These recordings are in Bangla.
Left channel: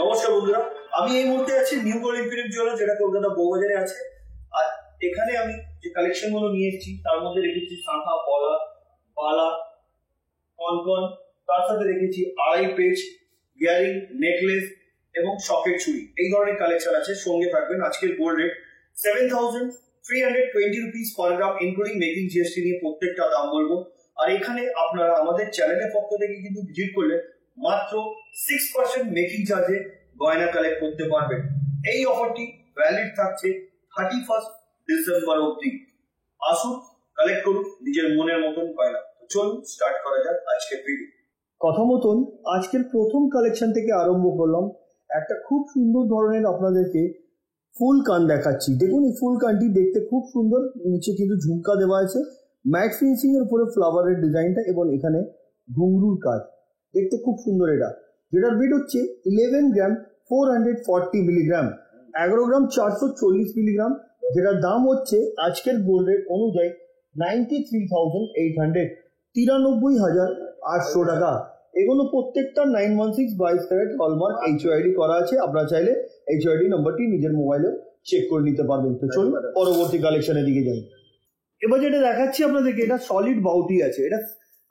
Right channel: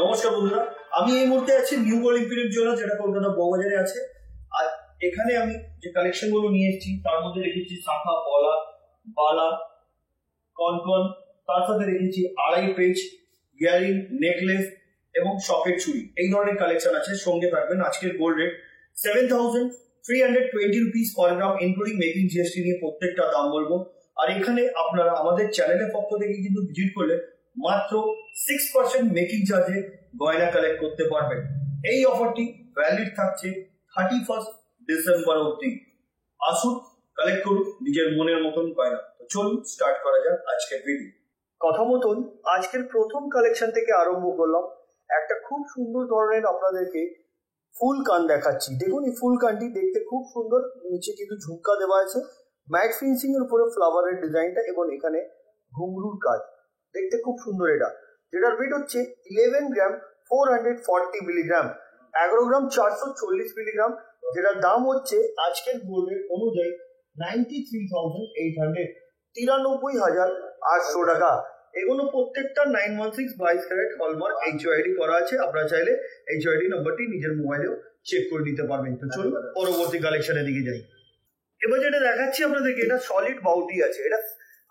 নমস্কার বন্ধুরা, আমি এই মুহূর্তে আছি নিউ গোল্ড ইম্পিরিয়াল জুয়েলার্স, যেটা কলকাতা বউবাজারে আছে। আর এখানে আমি যে কালেকশন গুলো নিয়ে এসেছি তার মধ্যে রেখেছি শাঁখা, পলা, বালা, কনকন, তার সাথে রেখেছি আড়াই পেজ, ইয়ারিং, নেকলেস এবং সকেট চুড়ি। এই ধরনের কালেকশন আছে। সঙ্গে থাকবেন আজকের গোল্ড রেট 7,320 রুপিস পার গ্রাম, ইনক্লুডিং মেকিং জিএসটি নিয়ে প্রত্যেকটা দাম বলবো। আর এখানে আপনারা আমাদের চ্যানেলের পক্ষ থেকে কিন্তু ভিজিট করলে মাত্র 6% মেকিং চার্জে গয়না কালেক্ট করতে পারবেন। এই অফারটি ভ্যালিড থাকছে 31 ডিসেম্বর অবধি। আসুন, কালেক্ট করুন নিজের মনের মতন গয়না। তো চলুন স্টার্ট করা যাক আজকের ভিডিও। কথা মতন আজকের প্রথম কালেকশন থেকে আরম্ভ করলাম। একটা খুব সুন্দর ধরনের আপনাদেরকে ফুল কান দেখাচ্ছি। দেখুন, এই ফুল কানটি দেখতে খুব সুন্দর। নিচে কিন্তু ঝুমকা দেওয়া আছে, ম্যাট ফিনিশিং এর উপরে ফ্লাওয়ারের ডিজাইনটা এবং এখানে ঘুংরুর কাজ। দেখতে খুব সুন্দর এটা, যেটার ওয়েট হচ্ছে 11 গ্রাম 440 মিলিগ্রাম, 11 গ্রাম 440 মিলিগ্রাম, যেটার দাম হচ্ছে আজকের গোল্ড রেট অনুযায়ী 93,800, 93,800 টাকা। এগুলো প্রত্যেকটা 916 22 ক্যারেট হলমার্ক এইচওআইডি করা আছে। আপনারা চাইলে এইচওআইডি নাম্বারটি নিজের মোবাইলেও চেক করে নিতে পারবেন। তো চলুন পরবর্তী কালেকশনের দিকে যাই। এবার যেটা দেখাচ্ছি আপনাদেরকে, এটা সলিড বাউটি আছে। এটা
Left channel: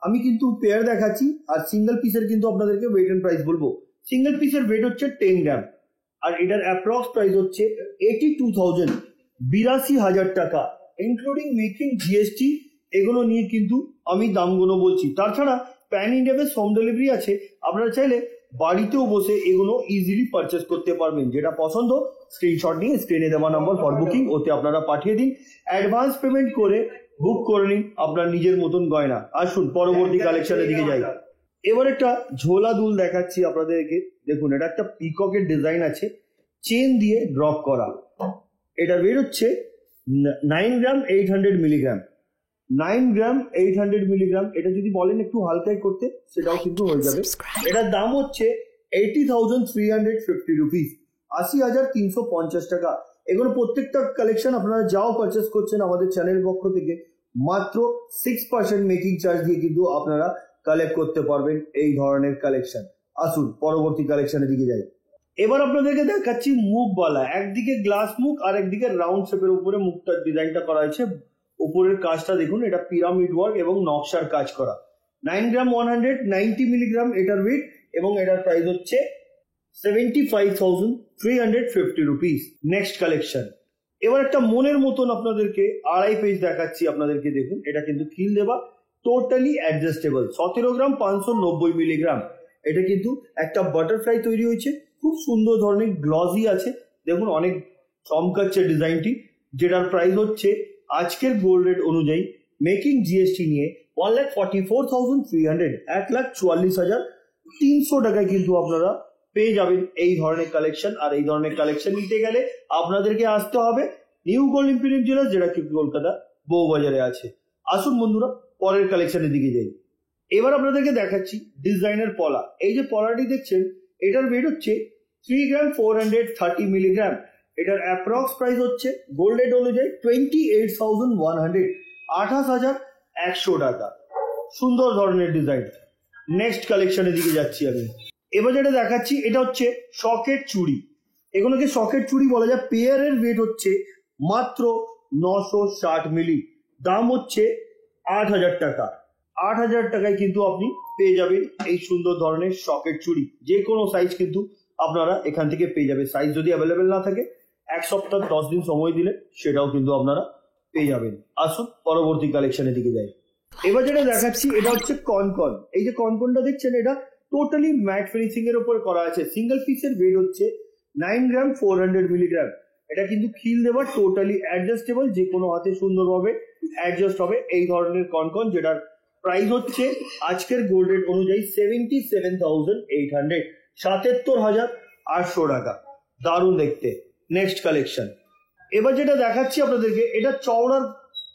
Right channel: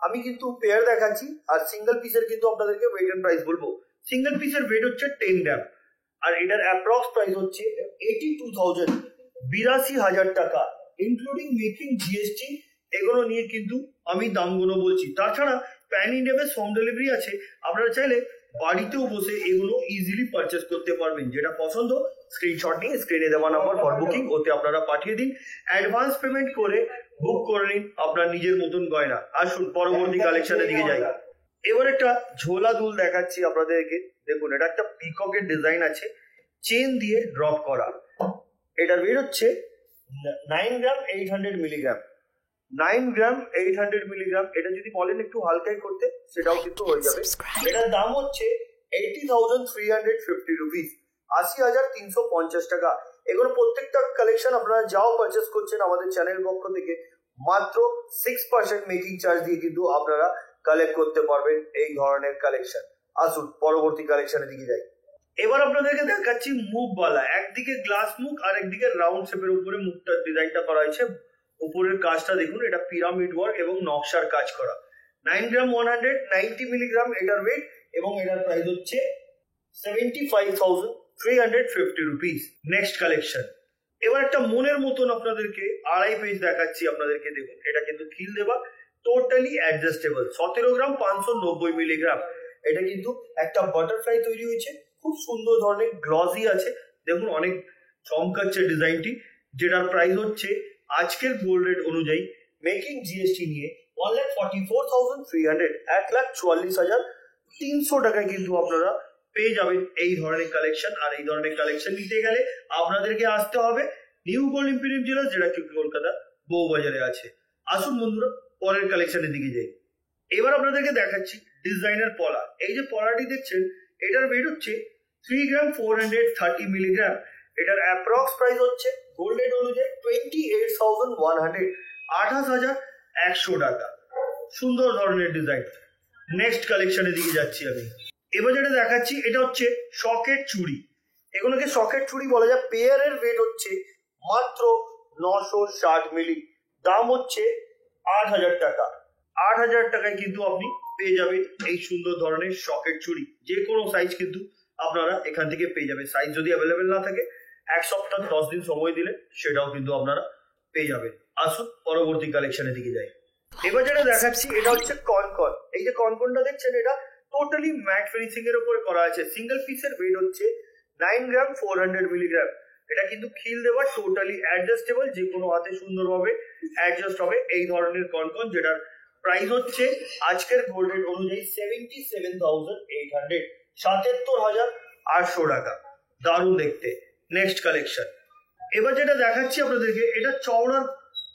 আমি কিন্তু পেয়ার দেখাচ্ছি, আর সিঙ্গেল পিসের কিন্তু আপনাদেরকে ওয়েট এন্ড প্রাইস বলবো। সিঙ্গেল পিসের ওয়েট হচ্ছে 10 গ্রাম, আর এটার অ্যাপ্রক্স প্রাইস হচ্ছে 82,000, 82,000 টাকা, ইনক্লুডিং মেকিং জিএসটি। এগুলো নিয়ে কিন্তু আমি দামগুলো বলছি। তাছাড়া প্যান ইন্ডিয়াতে হোম ডেলিভারি আছে। আপনারা চাইলে বাড়িতেও বসে এগুলো ইজিলি পারচেস করতে পারবেন। যেটা পছন্দ স্ক্রিনশট নিয়ে স্ক্রিনে দেওয়া নাম্বার ফর বুকিং ওতে আপনারা পাঠিয়ে দিন। অ্যাডভান্স পেমেন্ট করে বুক করে নিন আপনার নিজের মতন গয়না। আসুন পরবর্তী কালেকশনের দিকে যাই। এবার একটা ঝোলা দুল দেখাচ্ছি আপনাদেরকে। দেখুন, এটা একটা পিককের ডিজাইন আছে, চেন দিয়ে ড্রপ করা। এটার ওয়েট হচ্ছে 9 গ্রাম 800 মিলিগ্রাম, 9 গ্রাম 800 মিলিগ্রাম। এটা যদি বলেন একটু হালকাই করতে, সেটাও কিন্তু হয়ে যাবে। এটার দাম হচ্ছে 80,350 রুপিস, 80,350 টাকা। এগুলো প্রত্যেকটা কালেকশন আপনারা যাও পারচেস করছেন আমাদের চ্যানেলের পক্ষ থেকে মাত্র 6% মেকিং চার্জ দিয়ে কিন্তু আপনারা কালেক্ট করতে পারবেন এই ধরনের কালেকশন। আসুন পরবর্তী কালেকশনের দিকে যাই। এবার আপনাদেরকে দেখাচ্ছি মুখবালা। একদিকে গ্লাস মুখ আর একদিকে রাউন্ড শেপের উপরে মুখটার ডিজাইনটা করা হয়েছে। উপরের কাজটা দেখুন, এটা পিরামিড ওয়ার্ক এবং নকশার কাজ করা। 9 গ্রাম 190 মিলিগ্রাম এটার ওয়েট, এবং এটার প্রাইস হচ্ছে 75,350 রুপিস। Next collection. এবার একটা মনের মতন আপনাদেরকে আড়াই পেজ দেখাচ্ছি আপনাদেরকে। দেখুন, এটা কিন্তু খিল দেওয়া, টোটালি অ্যাডজাস্টেবল, 17 গ্রাম 590 মিলিগ্রাম। এটা কিন্তু একটা বাটারফ্লাই তৈরি হয়েছে, খুব সুন্দর ধরনের গ্লসি আছে। দেখুন, অনেক চমকাচ্ছে ডিজাইনটি, যেটার প্রাইস হচ্ছে আজকের গোল্ড রেট অনুযায়ী মেকিং জিএসটি নিয়ে 1,44,300, 1,44,300 টাকায় কিন্তু আপনারা পেয়ে যাবেন এই ধরনের কালেকশন। আর এই ধরনের কালেকশন নিতে গেলে আপনাদেরকে আসতে হবে নিউ গোল্ড ইম্পিরিয়াল জুয়েলার্স, যেটা কি কলকাতা বউবাজারে আছে। আসুন বন্ধুরা পরের কালেকশনের দিকে যাই। এবার আপনাদেরকে দেখাচ্ছি ডিজাইনার পলা। এই যে পলাটি দেখছেন, এটার ওয়েট হচ্ছে 3 গ্রাম 430 মিলিগ্রাম। এটার অ্যাপ্রক্স প্রাইস হচ্ছে গোল্ড রেট অনুযায়ী 28,100, 28,100 টাকা। সুন্দর ধরনের ডিজাইন। নেক্সট কালেকশনের দিকে যাচ্ছি আমি। এবার যেটা দেখাচ্ছি, এটা হচ্ছে সকেট চুড়ি। এগুলোকে সকেট চুড়ি বলা যায়। পেয়ারের ওয়েট হচ্ছে মাত্র 960 মিলি, দাম হচ্ছে 8,000 টাকা। 8,000 টাকায় কিন্তু আপনি পেয়ে যাবেন এই সুন্দর ধরনের সকেট চুড়ি। যে কোনো সাইজ কিন্তু আপনারা এখান থেকে পেয়ে যাবেন। সাইজ যদি অ্যাভেলেবেল না থাকে 1 সপ্তাহ 10 দিন সময় দিলে সেটাও কিন্তু আপনারা পেয়ে যাবেন। আসুন পরবর্তী কালেকশনের দিকে যাই। এবার যেটা দেখাচ্ছি, এটা হচ্ছে কনকন। এই যে কনকনটা দেখছেন, এটা টোটালি ম্যাট ফিনিশিং এর উপর করা আছে। সিঙ্গেল পিসের ওয়েট হচ্ছে 9 গ্রাম 400 মিলিগ্রাম। এটা কিন্তু খিল দেওয়া, টোটালি অ্যাডজাস্টেবল, যে কোনো হাতে সুন্দরভাবে অ্যাডজাস্ট হবে এই ধরনের কনকন, যেটার প্রাইস হচ্ছে আজকের গোল্ড রেট অনুযায়ী 77,800, 77,800 টাকা। দারুণ দেখতে। Next collection. এবার যেটা দেখাচ্ছি আপনাদেরকে, এটা চওড়ার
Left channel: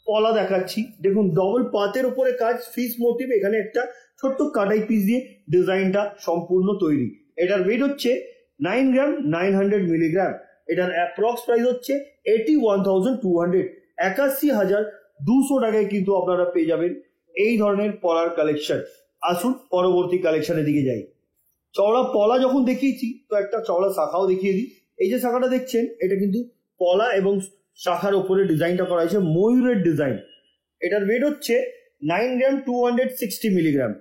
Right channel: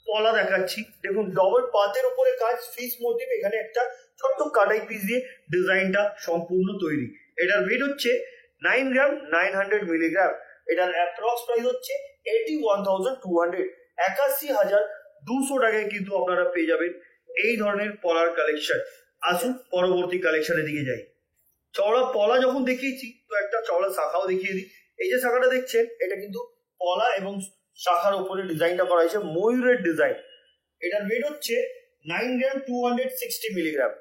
পলা দেখাচ্ছি। দেখুন, ডবল পাতের উপরে কাজ, ফিস মোটিভ। এখানে একটা ছোট্ট কাটাই পিস দিয়ে ডিজাইনটা সম্পূর্ণ তৈরি। এটার ওয়েট হচ্ছে 9 গ্রাম 900 মিলিগ্রাম। এটার অ্যাপ্রক্স প্রাইস হচ্ছে 81,200, 81,200 টাকায় কিন্তু আপনারা পেয়ে যাবেন এই ধরনের পলার কালেকশন। আসুন পরবর্তী কালেকশনের দিকে যাই। চওড়া পলা যখন দেখিয়েছি তো একটা চওড়া শাখাও দেখিয়ে দিই। এই যে শাখাটা দেখছেন এটা কিন্তু পলা এবং শাখার উপরে ডিজাইনটা করা হয়েছে ময়ূরের ডিজাইন। এটার ওয়েট হচ্ছে 9 গ্রাম 260 মিলিগ্রাম,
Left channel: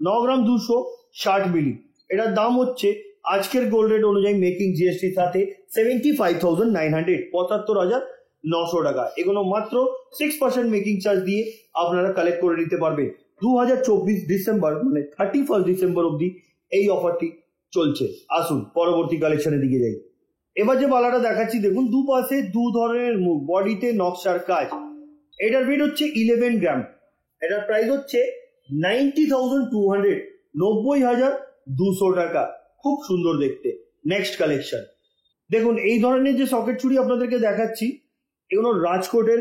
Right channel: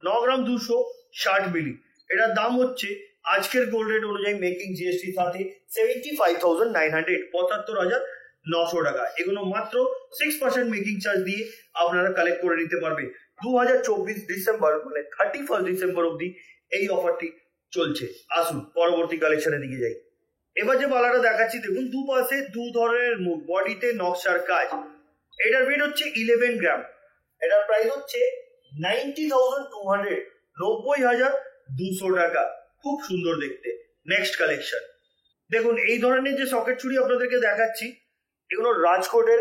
9 গ্রাম 260 মিলি। এটার দাম হচ্ছে আজকের গোল্ড রেট অনুযায়ী মেকিং জিএসটির সাথে 75,900, 75,900 টাকা। এগুলো মাত্র 6% মেকিং চার্জ দিয়ে আপনারা কালেক্ট করে নিতে পারবেন। 2024 ডিসেম্বর মানে 31 ডিসেম্বর অবধি এই অফারটি চলছে। আসুন পরবর্তী কালেকশনের দিকে যাই। এবার যে বালাটা দেখাচ্ছি দেখুন, দুপাশে দু ধরনের মুখ, বডিতে নকশার কাজ। এটার ওয়েট হচ্ছে 11 গ্রাম। এটার প্রাইস হচ্ছে 90,200, 90,200 টাকা। খুব সুন্দর দেখতে। নেক্সট কালেকশন দেখুন, এই ধরনের যে সকেট চুড়ি আপনাদেরকে দেখাচ্ছি এগুলো রাজকোটের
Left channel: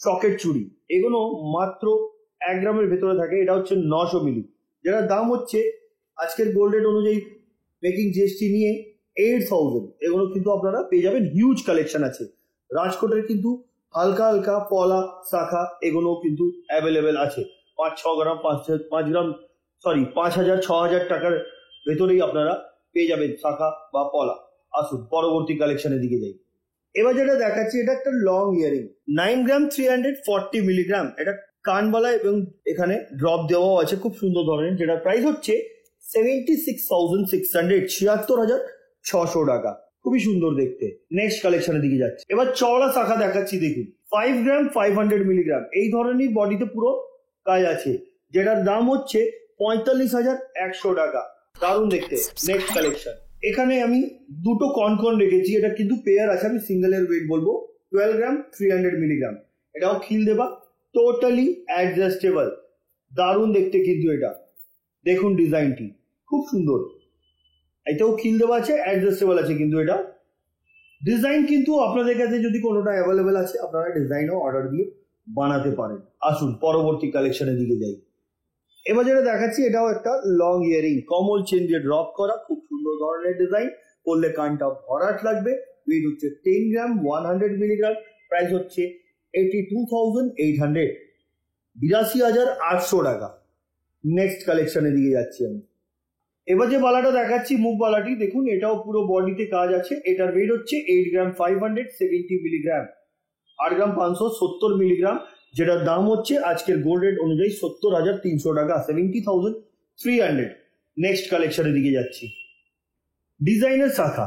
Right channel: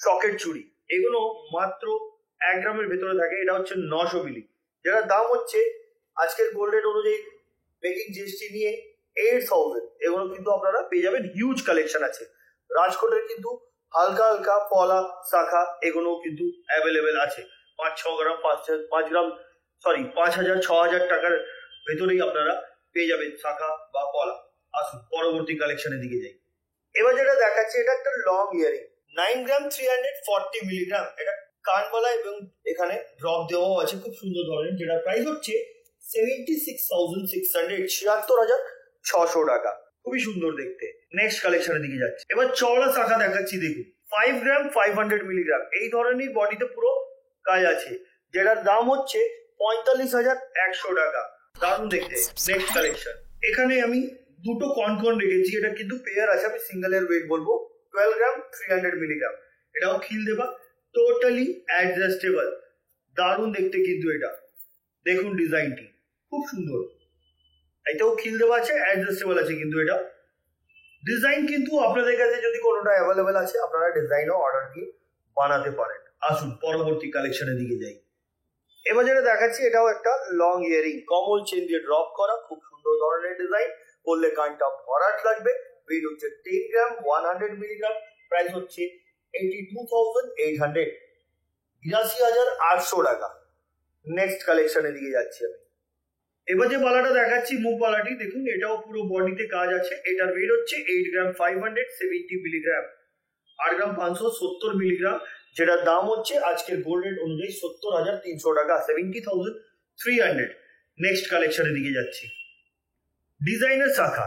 সকেট চুড়ি। এগুলো মাত্র 1 গ্রামের ভেতরে থাকে। এটা হচ্ছে 900 মিলি, যেটার দাম হচ্ছে আজকের গোল্ড রেট অনুযায়ী মেকিং জিএসটি নিয়ে 8,000। এগুলো কিন্তু আপনারা পেয়ে যাবেন। হিউজ কালেকশন আছে রাজকোটের, কিন্তু হালকা হালকা পলা শাখা এগুলো কিন্তু অ্যাভেলেবেল আছে। 5-6 গ্রাম 5 গ্রাম 5,000-6,000 টাকার ভেতরেই আপনারা পেয়ে যাবেন শাখা বা পলা। আসুন পরবর্তী কালেকশনের দিকে যাই। এবার যেটা দেখাচ্ছি এটা একটা লং ইয়ারিং, 9 গ্রাম 340 মিলিগ্রাম। এটা কানবালা এবং এখানে ড্রপ দেওয়াও আছে, খুব সুন্দর ধরনের। যেটা প্রাইস হচ্ছে 76,600, 76,600 টাকা। খুবই সুন্দর দেখতে। নেক্সট কালেকশনের দিকে যাচ্ছে। এবার চওড়া শাখা দেখাচ্ছি দেখুন, 5 গ্রাম 500 মিলিগ্রাম। এই ধরনের বডিতে পুরো কাজ আছে, যেটার দাম হচ্ছে 45,100 টাকা। দারুণ দেখতে। নেক্সট কালেকশন, এখানে আমি দুটো কনকন রেখেছি। এটা কিন্তু পেয়ার আছে, আমি সিঙ্গেলের ওয়েট বলবো 12 গ্রাম 300 মিলিগ্রাম। এটাও খিল দেবা, টোটালি অ্যাডজাস্টেবল। দারুণ দেখতে কিন্তু এটা দেখুন, ডিজাইনটি খুব সুন্দর। এটাও খিল দেওয়া আছে, অ্যাডজাস্টেবল আছে। কিন্তু এটা ডিজাইন কিন্তু আপনাদের কাছে যদি কোনোটা অ্যাভেলেবেল আছে আপনারা ডিজাইনও অর্ডার দিয়ে বানাতে পারেন। আসুন পরবর্তী কালেকশনের দিকে যাই। এবার যেটা দেখাচ্ছি এটাও একটা লং ইয়ারিং, কমল চেন দিয়ে ড্রপ করা, খুব সুন্দর ধরনের ডিজাইন। করলে কানটা ভরাট লাগবে। ওয়েট হচ্ছে 10 গ্রাম 100 মিলিগ্রাম। প্রাইস হচ্ছে 82,800, 82,800 টাকা। নেক্সট কালেকশনের দিকে যাচ্ছি আমি। এবার যে বালাটা দেখাচ্ছি মুখ বালাটি দেখুন, এটাও পুরো বডিতে কাজ আছে। এটার ওয়েট হচ্ছে 8 গ্রাম 570 মিলিগ্রাম, 8 গ্রাম 570 মিলিগ্রাম। যেটার দাম হচ্ছে আজকের গোল্ড রেট অনুযায়ী 70,300 টাকা, 70,300। নেক্সট কালেকশনের দিকে যাচ্ছি। ডিজাইনের শাখা,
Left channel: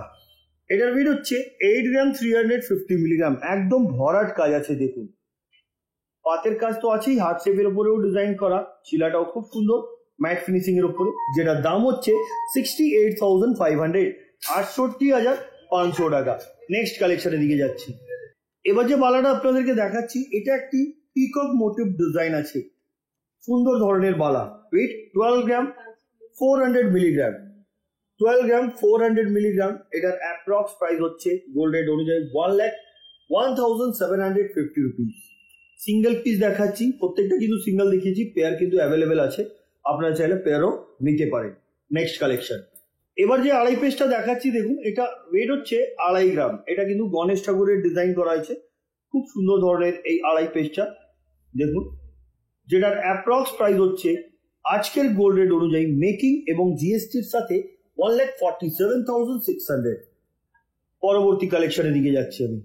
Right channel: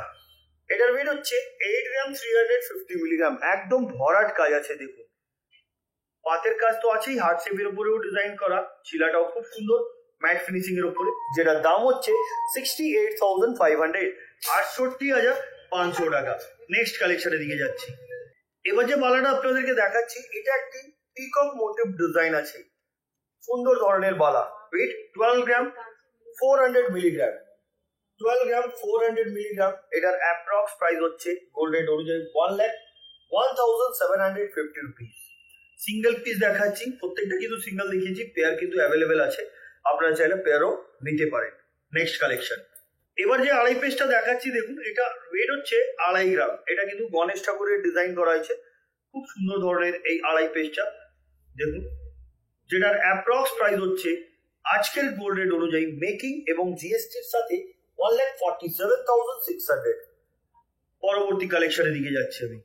এটার ওয়েট হচ্ছে 8 গ্রাম 350 মিলিগ্রাম। একদম ভরাট কাজ আছে দেখুন, পাতের কাজ তো আছেই, হার্ট শেপের উপরেও ডিজাইন করা। শিলাটাও খুব সুন্দর ম্যাট ফিনিশিং এর উপরে। যেটার দাম হচ্ছে 68,500, 68,500 টাকা। নেক্সট কালেকশনের দিকে যাচ্ছি। এবার যে বালাটা আপনাদেরকে দেখাচ্ছি এটা একটি পিকক মোটিভ ডিজাইন আছে, সুন্দর ধরনের বালা। ওয়েট 12 গ্রাম 400 মিলিগ্রাম, 12 গ্রাম 400 মিলিগ্রাম। এটার অ্যাপ্রক্স প্রাইস হচ্ছে গোল্ড রেট অনুযায়ী 1,01,750 রুপিস। সিঙ্গেল পিস দেখাচ্ছি, প্রত্যেকটা কিন্তু সিঙ্গেল দেখিয়েছি, পেয়ার কিন্তু অ্যাভেলেবেল আছে, আপনারা চাইলে পেয়ারও নিতে পারেন। নেক্সট কালেকশন, এবার যে আড়াই পিসটা দেখাচ্ছি দেখুন, এটা ওয়েট হচ্ছে 2.5 গ্রাম। এটা কিন্তু গণেশ ঠাকুরের ডিজাইন করা হয়েছে, খুব সুন্দর ধরনের এই আড়াই পিসটা দেখুন। যেটার অ্যাপ্রক্স প্রাইস হচ্ছে আজকের গোল্ড রেট অনুযায়ী মেকিং এবং জিএসটির সাথে 1,47,600। পরবর্তী কালেকশনের দিকে যাচ্ছি আমি।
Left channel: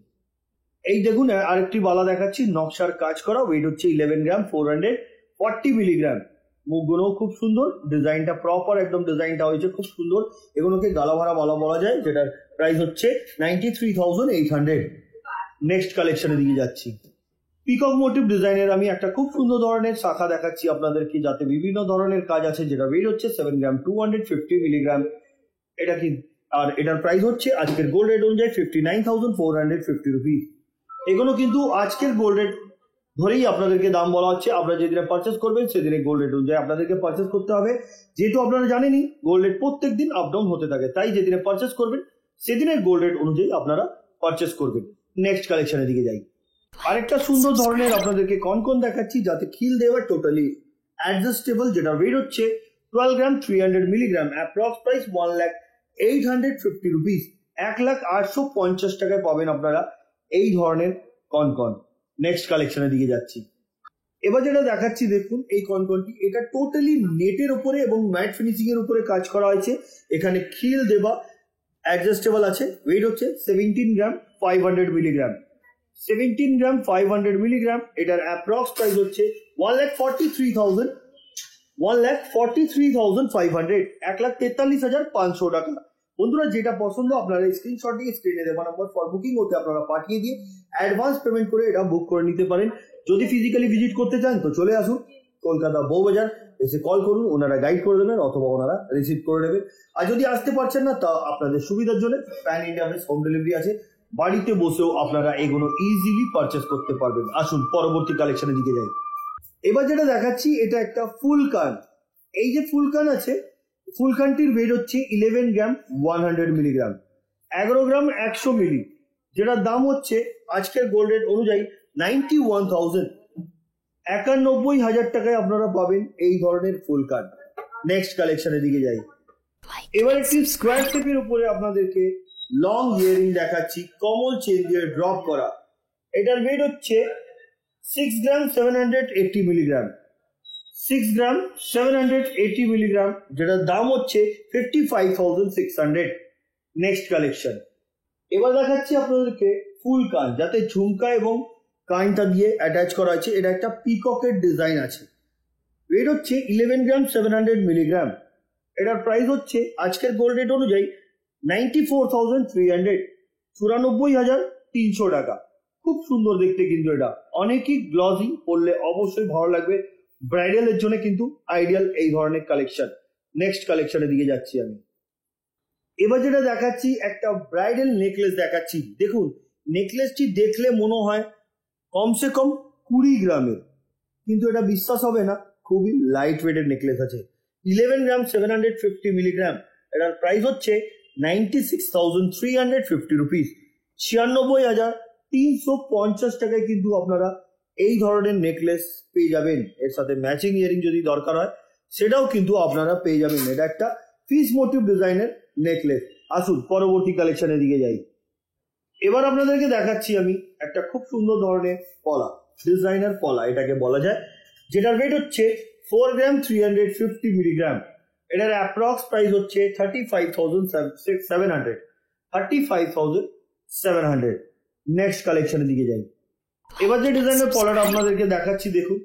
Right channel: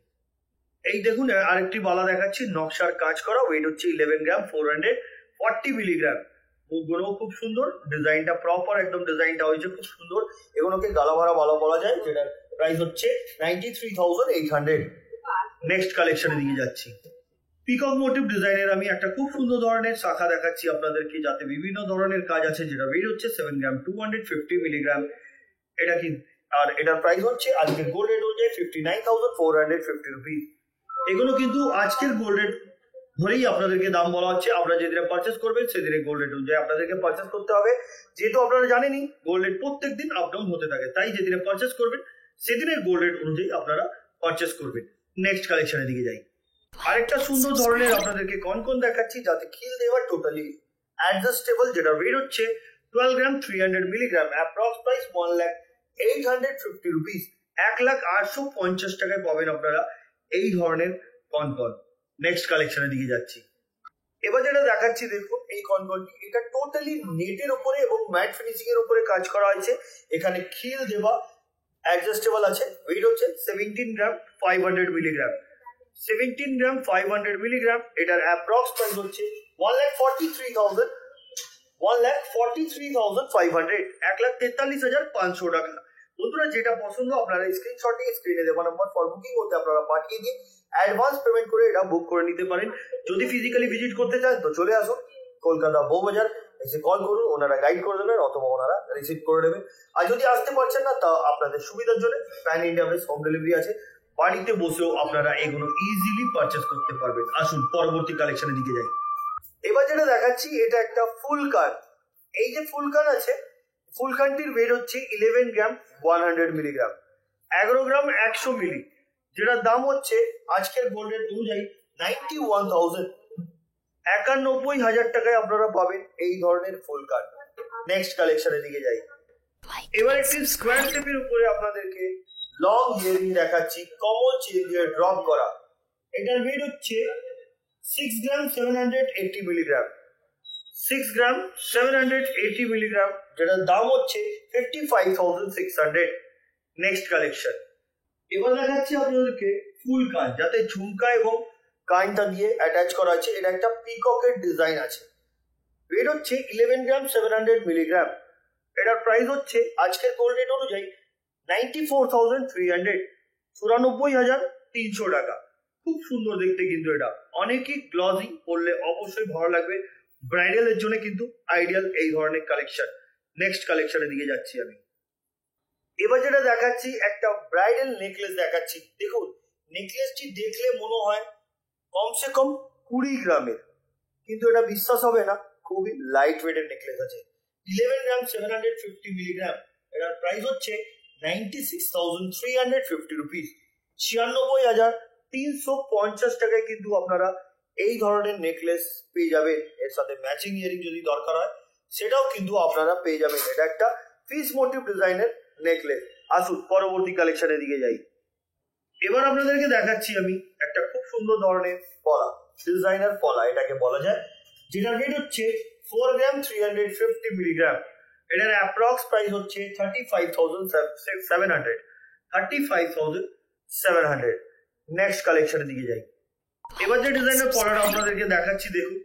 এই দেখুন আরেকটি বালা দেখাচ্ছি, নকশার কাজ করা। ওয়েট হচ্ছে 11 গ্রাম 440 মিলিগ্রাম। মুখগুলোও খুব সুন্দর, ডিজাইনটা প্রপার একদম ডিজাইনটা হয়েছে খুব সুন্দর। এগুলোকে গালা ভরা বালা বলা যায়। যেটার প্রাইস হচ্ছে 93,800। নেক্সট কালেকশনের দিকে যাচ্ছি। পিকক মোটিভ ডিজাইনের আমি একটা খুব সুন্দর ধরনের শাখা দেখাচ্ছি আপনাদেরকে, যাতে বিভিন্ন ধরনের কাজ আছে। যেটা ওয়েট হচ্ছে 7 গ্রাম 250 মিলিগ্রাম। এটা কি আর এটার প্রাইস হচ্ছে আজকের গোল্ড রেট অনুযায়ী 59,450 রুপিস। এগুলো কিন্তু আজকের গোল্ড রেট ধরেই আপনাদেরকে দাম বলা হচ্ছে। আপনারা যেদিনে পারচেস করবেন সেদিনে গোল্ড রেট অনুযায়ী আপনাদেরকে পারচেস করতে হবে। যেহেতু আপনারা জানেনই গোল্ড রেট প্রত্যেক দিন আপ ডাউন হতে থাকে, তাই যেদিনে পারচেস করবেন সেদিনের গোল্ড রেট অনুযায়ী আপনারা পারচেস করবেন। নেক্সট কালেকশনের দিকে যাই। আরেকটা সুন্দর ধরনের আপনাদেরকে কনকন দেখাচ্ছি, যাতে খিল দেওয়া, টোটালি অ্যাডজাস্টেবল। যেটা ওয়েট হচ্ছে 12 গ্রাম 300 মিলিগ্রাম। অ্যাপ্রক্স প্রাইস 1,08,50 রুপিস, 1,0850 টাকায় পাবেন আপনারা এই ধরনের কনকন। নেক্সট কালেকশনের দিকে যাচ্ছি। এবার যেটা দেখাচ্ছি দেখুন এই কনকনটি, এটা টোটালি নেটের উপরে এবং ম্যাট ফিনিশিং এর উপরে কাজ করা হয়েছে। এখানে খিল দেওয়া, অ্যাডজাস্টেবল আছে। ওয়েট হচ্ছে 17 গ্রাম 500 মিলিগ্রাম, 17 গ্রাম 500 মিলিগ্রাম। এটার অ্যাপ্রক্স প্রাইস হচ্ছে 1,43,000, 1,43,500, 1,43,500 টাকা। বন্ধুরা যেটা পছন্দ আপনারা স্ক্রিনশট দিয়ে স্ক্রিনে দেওয়া নাম্বার ফর বুকিং হতে আপনারা পাঠিয়ে দিয়ে অ্যাডভান্স পেমেন্ট করে এটা বুক করে নিতে পারেন। যদি ফিজিক্যালি ভিজিট করতে চান তো চলে আসুন কলকাতা বউবাজার, এসে কল করুন, ওনারা গাইড করে দেবেন অথবা ওনারা রিসিভ করে নেবে। আর যদি আসতে পারছেন না তা আপনাদের সুবিধার জন্য প্যান ইন্ডিয়া হোম ডেলিভারি আছে, বাড়িতে বসেও আপনারা এগুলো ইজিলি পারচেস করতে পারবেন। আসুন পরবর্তী কালেকশনের দিকে যাই। এবার যেটা দেখাচ্ছি এটা একটা ফুল কান। এই যে ফুল কান আছে, ফুল কানটির ওয়েট হচ্ছে 11 গ্রাম 100 মিলিগ্রাম, 11 গ্রাম 100 মিলি, যেটার দাম হচ্ছে আজকের গোল্ড রেট অনুযায়ী 91,000, 91,000 টাকায় আপনারা পাবেন এই ধরনের ফুল কান। নেক্সট কালেকশনের দিকে যাই। এবার একটি স্কোয়ার শেপের উপরে আপনাদেরকে লং ইয়ারিং দেখাচ্ছি, কমন চেন দিয়ে ড্রপ করা। এটার ওয়েট হচ্ছে 6 গ্রাম 780 মিলিগ্রাম, 6 গ্রাম 780 মিলিগ্রাম, যেটার দাম হচ্ছে 55,600। Next collection. এবার দেখাচ্ছি আপনাদেরকে ফুল কান, যাতে ঝুমকা এবং কানটা দিয়ে অ্যাটাচ করা আছে। এটা একটা পিককের ডিজাইন আছে। ওয়েট হচ্ছে 11 গ্রাম 700 মিলিগ্রাম। এটার প্রাইস হচ্ছে আজকের গোল্ড রেট অনুযায়ী 94,300, 94,300 টাকা। খুব সুন্দর দেখতে কিন্তু এটা, অনেকই গ্লসি, পরলে অবশ্যই ভালো লাগবে। ব্রাইডালের জন্য কিন্তু আইডিয়াল এই ধরনের কালেকশন। নেক্সট কালেকশনের দিকে যাচ্ছি আমি। এবার যেটা দেখাচ্ছি একটা ব্রাইডাল নেকলেস দেখাচ্ছি। দেখুন নেকলেসটি দেখলে মনে হয় কমসে কম 20 গ্রামের, কিন্তু এটা বিশ্বাস হবে না, খুবই লাইট ওয়েটের নেকলেস আছে। 11 গ্রাম 750 মিলিগ্রাম। এটার প্রাইস হচ্ছে 96,350 রুপিস, 96,350 টাকায় কিন্তু আপনারা এই ধরনের নেকলেস পেয়ে যাবেন। এর সাথে ম্যাচিং ইয়ারিং যদি দরকার হয় সেটাও কিন্তু আপনারা পেয়ে যাবেন। এটা একটা ফিশ মোটিভ ডিজাইনের নেকলেস। আসুন পরবর্তী কালেকশনের দিকে যাই। এবার আপনাদেরকে দেখাচ্ছি আমি একটা খুব সুন্দর ধরনের পলা, ডিজাইনার পলা এটাকে বলা যায়, যেটার ওয়েট হচ্ছে 4 গ্রাম 350 মিলিগ্রাম। এটার অ্যাপ্রক্স প্রাইস হচ্ছে 35,700, 35,700। নেক্সট কালেকশনের দিকে যাই। এবার যে ডিজাইনের পলাটা আপনাদেরকে দেখাচ্ছি দেখুন,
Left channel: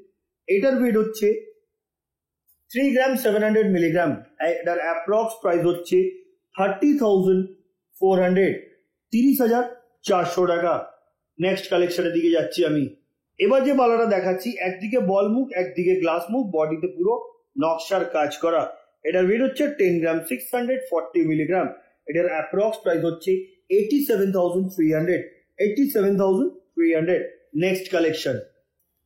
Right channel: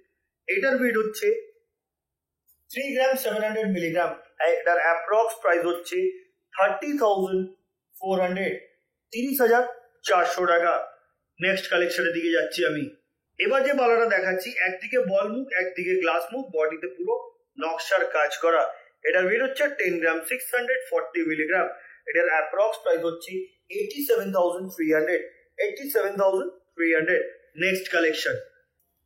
এটার ওয়েট হচ্ছে 3 গ্রাম 700 মিলিগ্রাম। এটার অ্যাপ্রক্স প্রাইস হচ্ছে 30,400, 30,400 টাকা। নেক্সট কালেকশনের দিকে যাচ্ছি আমি। এবার যে বালাটা দেখাচ্ছি একদিকে বল মুখ একদিকে গ্লাস মুখ, বডিতে পুরো নকশার কাজ করা। এটার ওয়েট হচ্ছে 10 গ্রাম 640 মিলিগ্রাম। এটার অ্যাপ্রক্স প্রাইস হচ্ছে 87,300, 87,300। Next collection.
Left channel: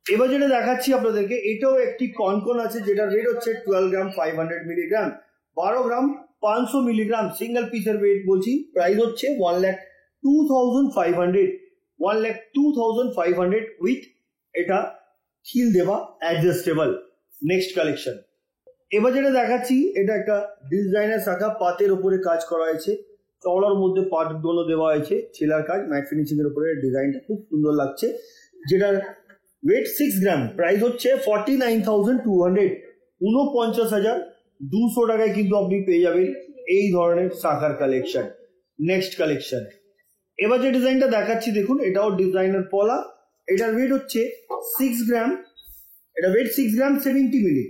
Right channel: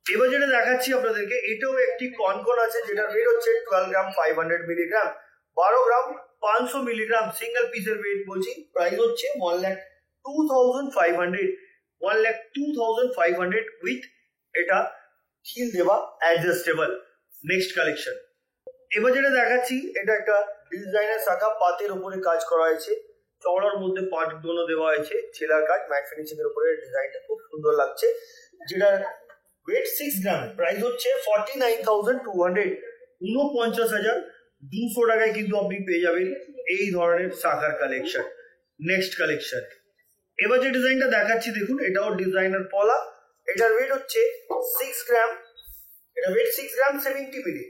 এবার যেটা দেখাচ্ছি আপনাদেরকে এটাও একটি কনকন আছে, যেটার ওয়েট হচ্ছে 12 গ্রাম 500 মিলিগ্রাম, 12 গ্রাম 500 মিলিগ্রাম। সিঙ্গেল পিসের ওয়েট বলছি, প্রাইস হচ্ছে 1,02,500, 1,02,500 উইথ এটা খিল দেওয়া, অ্যাডজাস্টেবল। Next collection. এবার যেটা দেখাচ্ছি এটা একটা ডিজাইনার শাখা, পাতের উপরে কাজ করা হয়েছে, চওড়ার মধ্যে পাট গুলো দেওয়া হয়েছে, ছেলার কাজ, ম্যাট ফিনিশিং এর উপরে ডিজাইনটা খুব সুন্দর লাগছে। যেটার ওয়েট 6 গ্রাম, প্রাইস হচ্ছে 49,200, 49,200 টাকায় কিন্তু আপনি পেয়ে যাবেন এই ধরনের শাখার কালেকশন। Next collection. এবার যে ডিজাইনটা দেখাচ্ছি দেখুন, এটাও ডিজাইনার পলা। এটার ওয়েট হচ্ছে 6 গ্রাম, এটা ওয়েট 6 গ্রাম 70 মিলি।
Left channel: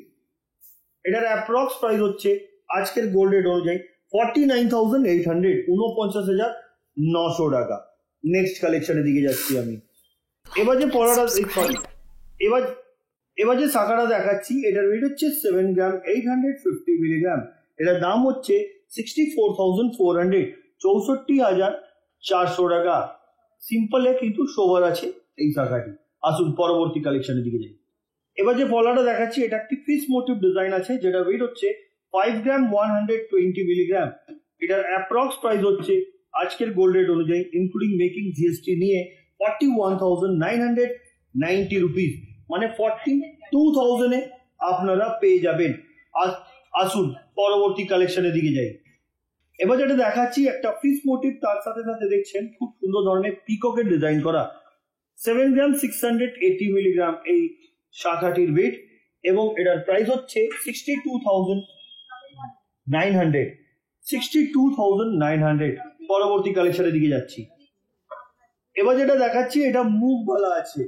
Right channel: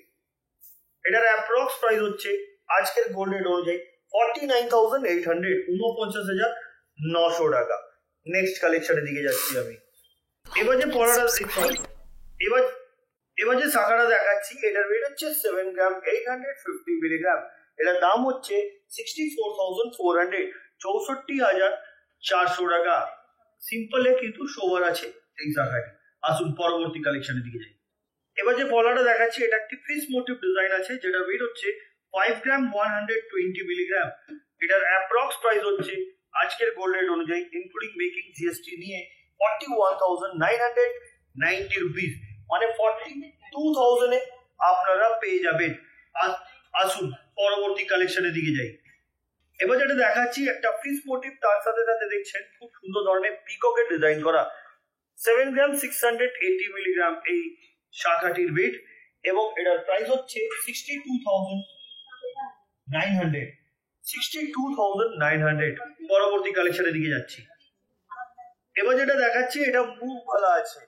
এটার অ্যাপ্রক্স প্রাইস হচ্ছে আজকের গোল্ড রেট অনুযায়ী 49,800, 49,900 টাকা। নেক্সট কালেকশনের দিকে যাচ্ছি আমি। এবার যে পলাটা এবার যে শাখাটা দেখাচ্ছি এটার ওয়েট হচ্ছে 7 গ্রাম 850 মিলিগ্রাম। এটার দাম হচ্ছে 64,400, 64,400 টাকা। সিম্পলে কিন্তু সোবার আছে এই শাখাটি। আসুন পরবর্তী কালেকশনের দিকে যাই। এবার যে পলাটা দেখাচ্ছি এটা একটি ফিশ মোটিভ ডিজাইন আছে, যেটা ওয়েট হচ্ছে 5 গ্রাম 120 মিলিগ্রাম। এটার অ্যাপ্রক্স প্রাইস হচ্ছে আজকের গোল্ড রেট অনুযায়ী ইনক্লুডিং মেকিং জিএসটি নিয়ে 41,990 রুপিস, মানে 42,000 এ আপনারা পেয়ে যাবেন। আসুন পরবর্তী কালেকশনের দিকে যাই। এবার যেটা দেখাচ্ছি একটা ফিশ মোটিভ, তার সাথে সাথে দেখছেন খুব সুন্দর ধরনের পিককের ডিজাইন করা। 7 গ্রাম 680 মিলিগ্রাম এই শাখাটির ওয়েট এবং এটার প্রাইস হচ্ছে 62,900 পরবর্তী কালেকশনের দিকে যাচ্ছি। এবার যেটা দেখাচ্ছি এটা মুখ বলা আছে,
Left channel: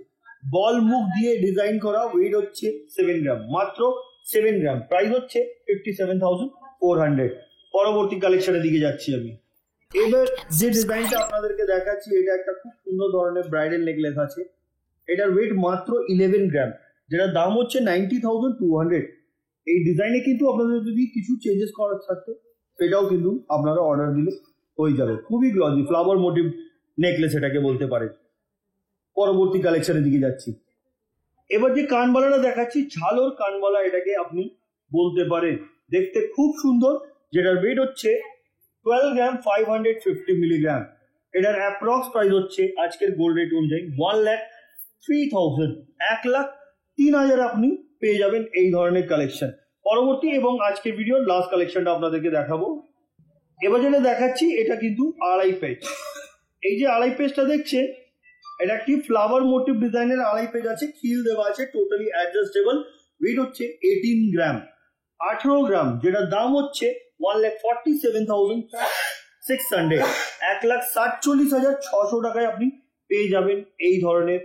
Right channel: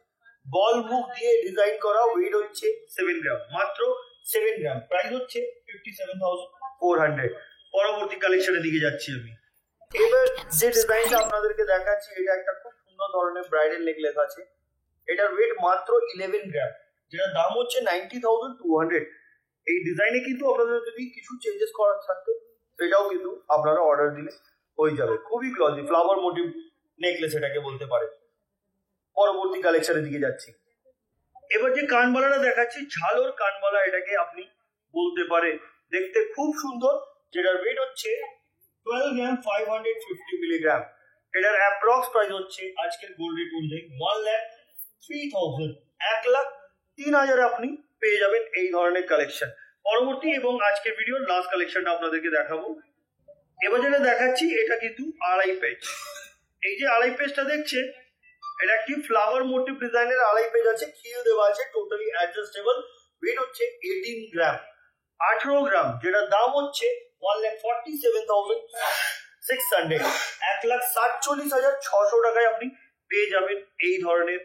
বল মুখ দিয়ে ডিজাইন করা, ওয়েট হচ্ছে 7 গ্রাম, মাত্র 7 গ্রাম, প্রাইস হচ্ছে 57,400। পরবর্তী কালেকশনের দিকে যাচ্ছি আমি। এবার যে ডিজাইনটা আপনাদেরকে দেখাচ্ছি এটা একটা খুব সুন্দর ধরনের ব্রাইডাল নেকলেস আছে, এটার ওয়েট মাত্র 11 গ্রাম, যেটার দাম হচ্ছে 90,200। এই ডিজাইনে কিন্তু আপনাদের যদি কিছু চেঞ্জেস করার থাকতো সেটাও কিন্তু আপনারা অর্ডার দিলে হয়ে যাবে। খুবই গ্লজি ফ্লাওয়ার মোটিভ নেকলেস এটাকে বলতে পারেন। পরবর্তী কালেকশনের দিকে যাচ্ছি। এবার যে কানবালাটা দেখাচ্ছি ঝালোর কানবালা এটাকে আপনি বলতে পারেন, দেখতে খুব সুন্দর, যেটার ওয়েট হচ্ছে 12 গ্রাম 550 মিলিগ্রাম। এটার অ্যাপ্রক্স প্রাইস হচ্ছে আজকের গোল্ড রেট অনুযায়ী 1,03,000, 1,03,000 আপনি পেয়ে যাবেন এই ধরনের কালেকশন। পরবর্তী এবং আজকের ভিডিওর লাস্ট কালেকশনটা আপনাদেরকে দেখাবো। এবার যেটা দেখাচ্ছি এটা কিন্তু আড়াই পেজ। এই যে আড়াই পেজটা দেখছেন এটা একটি ফ্লাওয়ার মোটিভ ডিজাইনের আড়াই পেজ আছে, খিল দেওয়া আছে, টোটালি অ্যাডজাস্টেবল, ওয়েট হচ্ছে 18 গ্রাম, 18 গ্রাম, যেটার দাম হচ্ছে 1,47,600, 1,47,600 টাকায় আপনি পেয়ে যাবেন এই ধরনের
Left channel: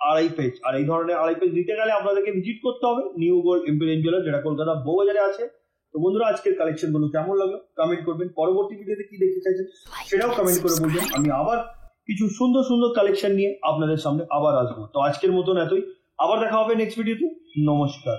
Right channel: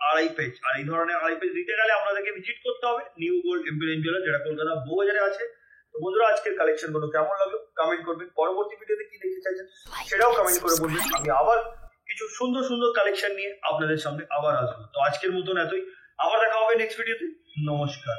আড়াই পেজ। আর এই ধরনের আড়াই পেজ নিতে গেলে আপনাদেরকে ভিজিট করতে হবে নিউ গোল্ড ইম্পেরিয়াল জুয়েলার্স, যেটা কলকাতা বউবাজারে আছে। তো বন্ধুরা আজকের কালেকশন গুলো কেমন লাগলো কমেন্ট করবেন, পরবর্তী ভিডিওতে কি দেখতে চাইছেন সেটাও কমেন্ট করে বলবেন। আমি আবার কিছু সুন্দর সুন্দর কালেকশন নিয়ে আপনাদের সামনে আবার আসবো। তো আজকের মতন এতই, আবার দেখা হবে নেক্সট ভিডিওতে। নমস্কার।